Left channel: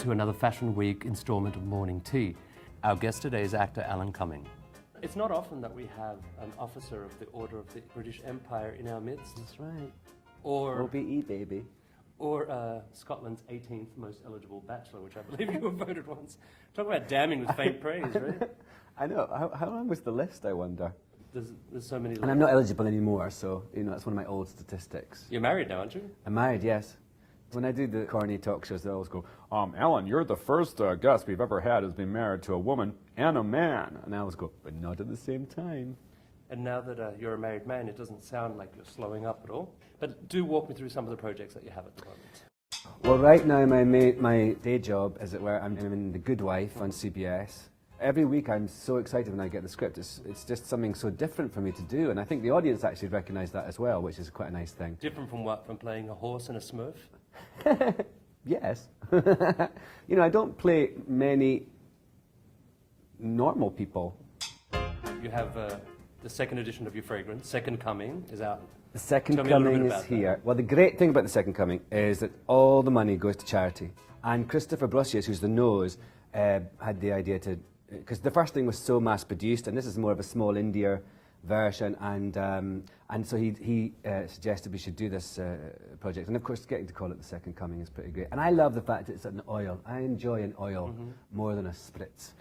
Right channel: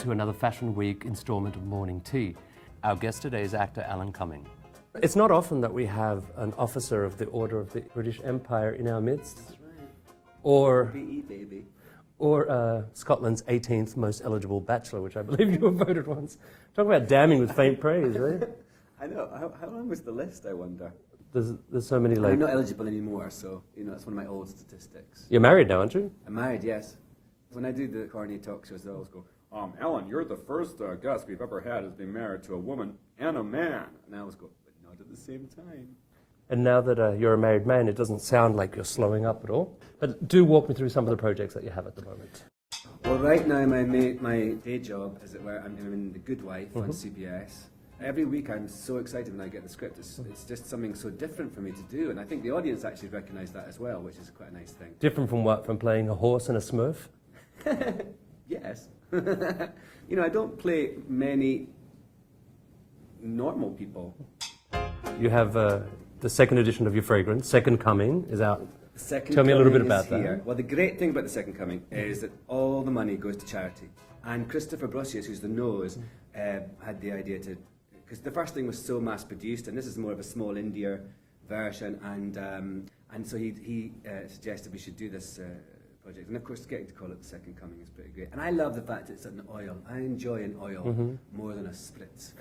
to another Fashion Week instalment of Morning Tea. Our guest today is actor Alan Cumming. It's not often that we have an officer of the Order of the British Empire in our midst. That's right. Or OBE, baby. Or Scotland's 18th most eligible bachelor, which I believe you were voted once. Talk about damning with faint praise, right? I know. How long was the list, I wonder? There's so many, like... I'm not eligible anymore, so, you know, it's one of my old statistics. You're married now, aren't you? I'm married, yes. When I do the corny talk shows, they always go, Alan, you're the first guest we've ever had who's been married to a woman and a man. and I always go, but not at the same time. And now that you're a married man, it doesn't sound like you're slowing up at all. But do walk me through some of the projects that you have at the moment. Well, right now, my day job, as it were, I'm in The Good Wife on CBS. Every week I'm so excited when I get the script. It's just something so different for me to do, and I think the audience actually recognise that as well, which is quite a nice thing. Different from what? From playing a horse and a smurf? Yes. You know, I don't play many normal people. You have the second edition of your fragrance, Second Cumming, is out. The Second Tell me a little bit Coming about is here. that. Well, the great thing about the Second Coming is that all the money goes to charity. And Christopher Brosius, who's the nose, had the idea to... Because the first thing was so mass-produced, and this is more of a small India version, and so he suggested we should do this project. And of course, getting to call it the Second Coming is pretty great. And I love the fact that it's an oil. I enjoy an oil more than a spritz.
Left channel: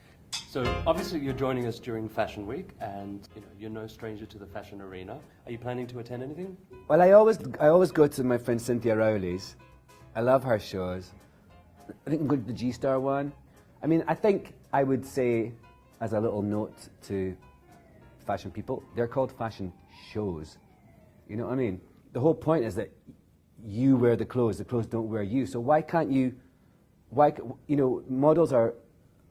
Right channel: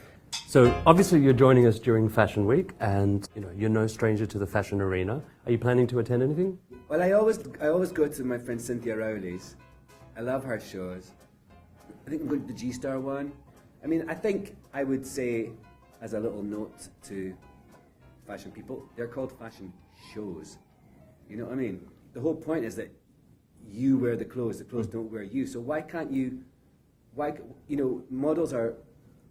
So obviously you're joining us during Fashion Week, and you know you're no stranger to the fashion arena. Are you planning to attend anything? Well, I always go to my friend Cynthia Rowley's. I love her shows. I think I'm going to the G-Star one. I mean, I think I would say, as a little note to fashion people, they're called fashion shows. You know what I mean? The whole point is that you wear the clothes don't wear you. So why can't you, you know, models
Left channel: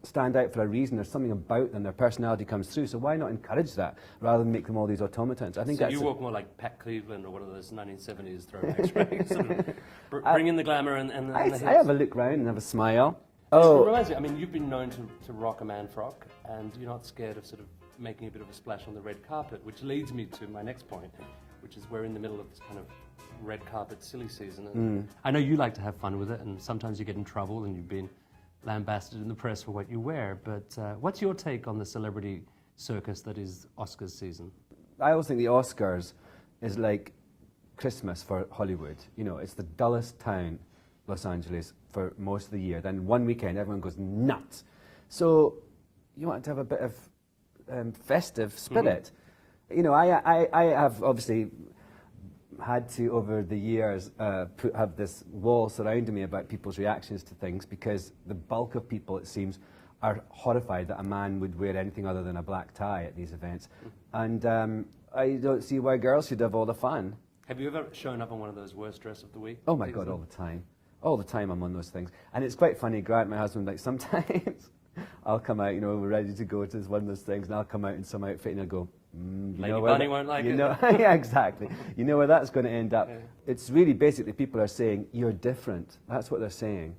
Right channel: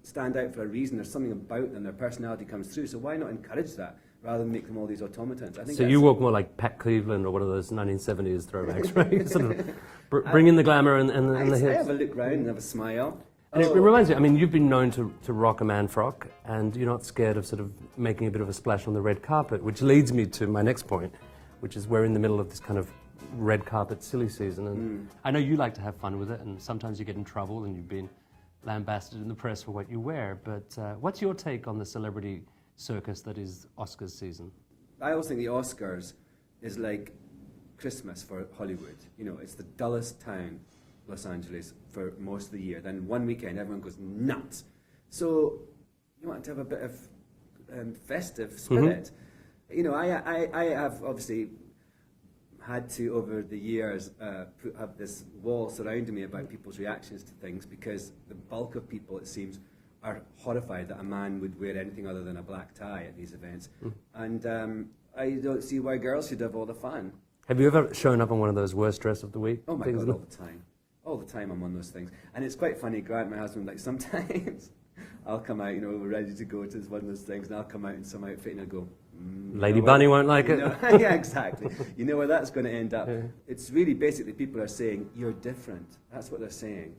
stand out for a reason. There's something about them, their personality comes through. So why not encourage that rather than make them all these automatons? I think so you walk more like Pat Cleveland or one of those 1970s throwbacks, right? Sort of bring in the glamour and the hits. I have a look round and have a smile. It reminds me, I mean, you've been known to rock a man frock, and you're not scared of sort of making a bit of a splash on the red carpet, which leads me to my next point, which is we're in the middle of this kind of red carpet silly season. And I know you like to have fun with it, and sometimes you get in trouble, and you've been lambasted in the press for what you wear. But what's your take on the celebrity circus that is Oscars season? I always think the Oscars is like Christmas for Hollywood. You know, it's the dullest town, Los Angeles, for most of the year. Then one weekend, everyone goes nuts. So you want to have a bit of festive spirit. You know, I have obviously had to, over the years, have this wall surrounding me about people's reactions to things, because the bulk of people, it seems, are horrified that a man would wear anything other than a black tie at these events. And I don't see why girls should have all the fun. Have you ever shown up on one of those worst dress of the week? Oh my God, all the time. All the time I'm on those things. And it's quite funny, Grant, my husband, like sometimes I'll come out, you know, we're ready to go to one of those things, and I'll come out in some outfit and I'll go, Lady Bunny won't like it. Yeah, exactly. You know where that's going to end up. It's really basically people are saying, you're different. That's what they're saying.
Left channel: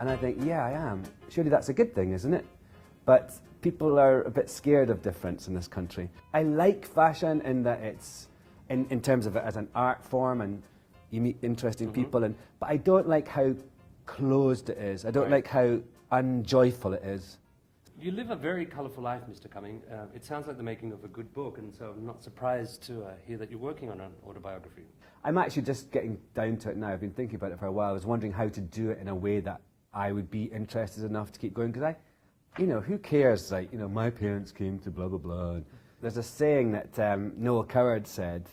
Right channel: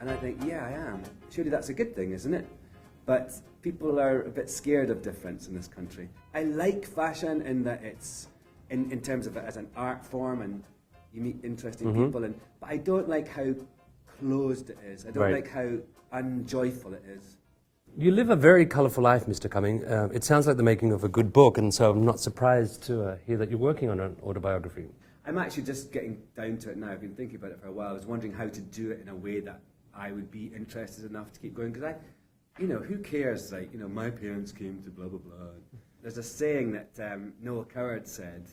And I think, yeah, I am. Surely that's a good thing, isn't it? But people are a bit scared of difference in this country. I like fashion in that it's, in terms of it as an art form, and you meet interesting people, but I don't like how closed it is. I don't like how unjoyful it is. You live a very colourful life, Mr. Cumming. It sounds like the making of a good book, and so I'm not surprised to hear that you're working on an autobiography. I'm actually just getting down to it now. I've been thinking about it for a while. I was wondering how to do it in a way that I would be interested enough to keep going, because you know, who cares, like, you know, my parents came to blah, blah, blah. There's a saying that Noel Coward said,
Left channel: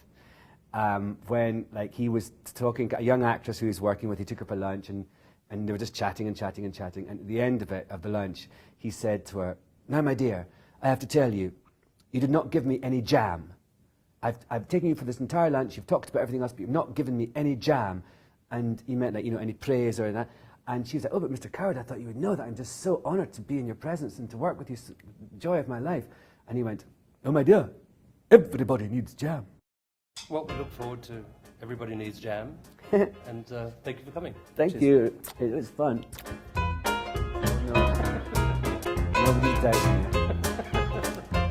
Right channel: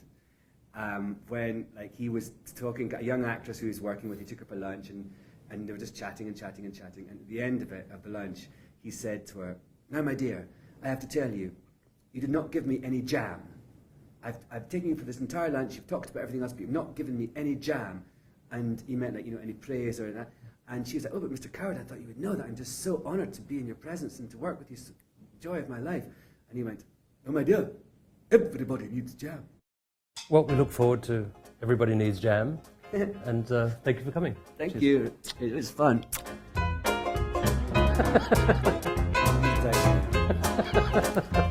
when like he was talking, a young actress who he was working with, he took her for lunch, and they were just chatting and chatting and chatting, and at the end of the lunch, he said to her, "Now, my dear, I have to tell you, you did not give me any jam. I've taken you for this entire lunch, you've talked about everything else, but you've not given me any jam." And he meant, like, you know, any praise or that. And she was like, "Oh, but Mr. Coward, I thought you would know that. I'm just so honoured to be in your presence and to work with you, joy of my life." And he went, "No, my dear, everybody needs jam." Well, we look forward to Everybody Needs Jam, and thank you for coming. Thank Cheers. you. It was fun. Well,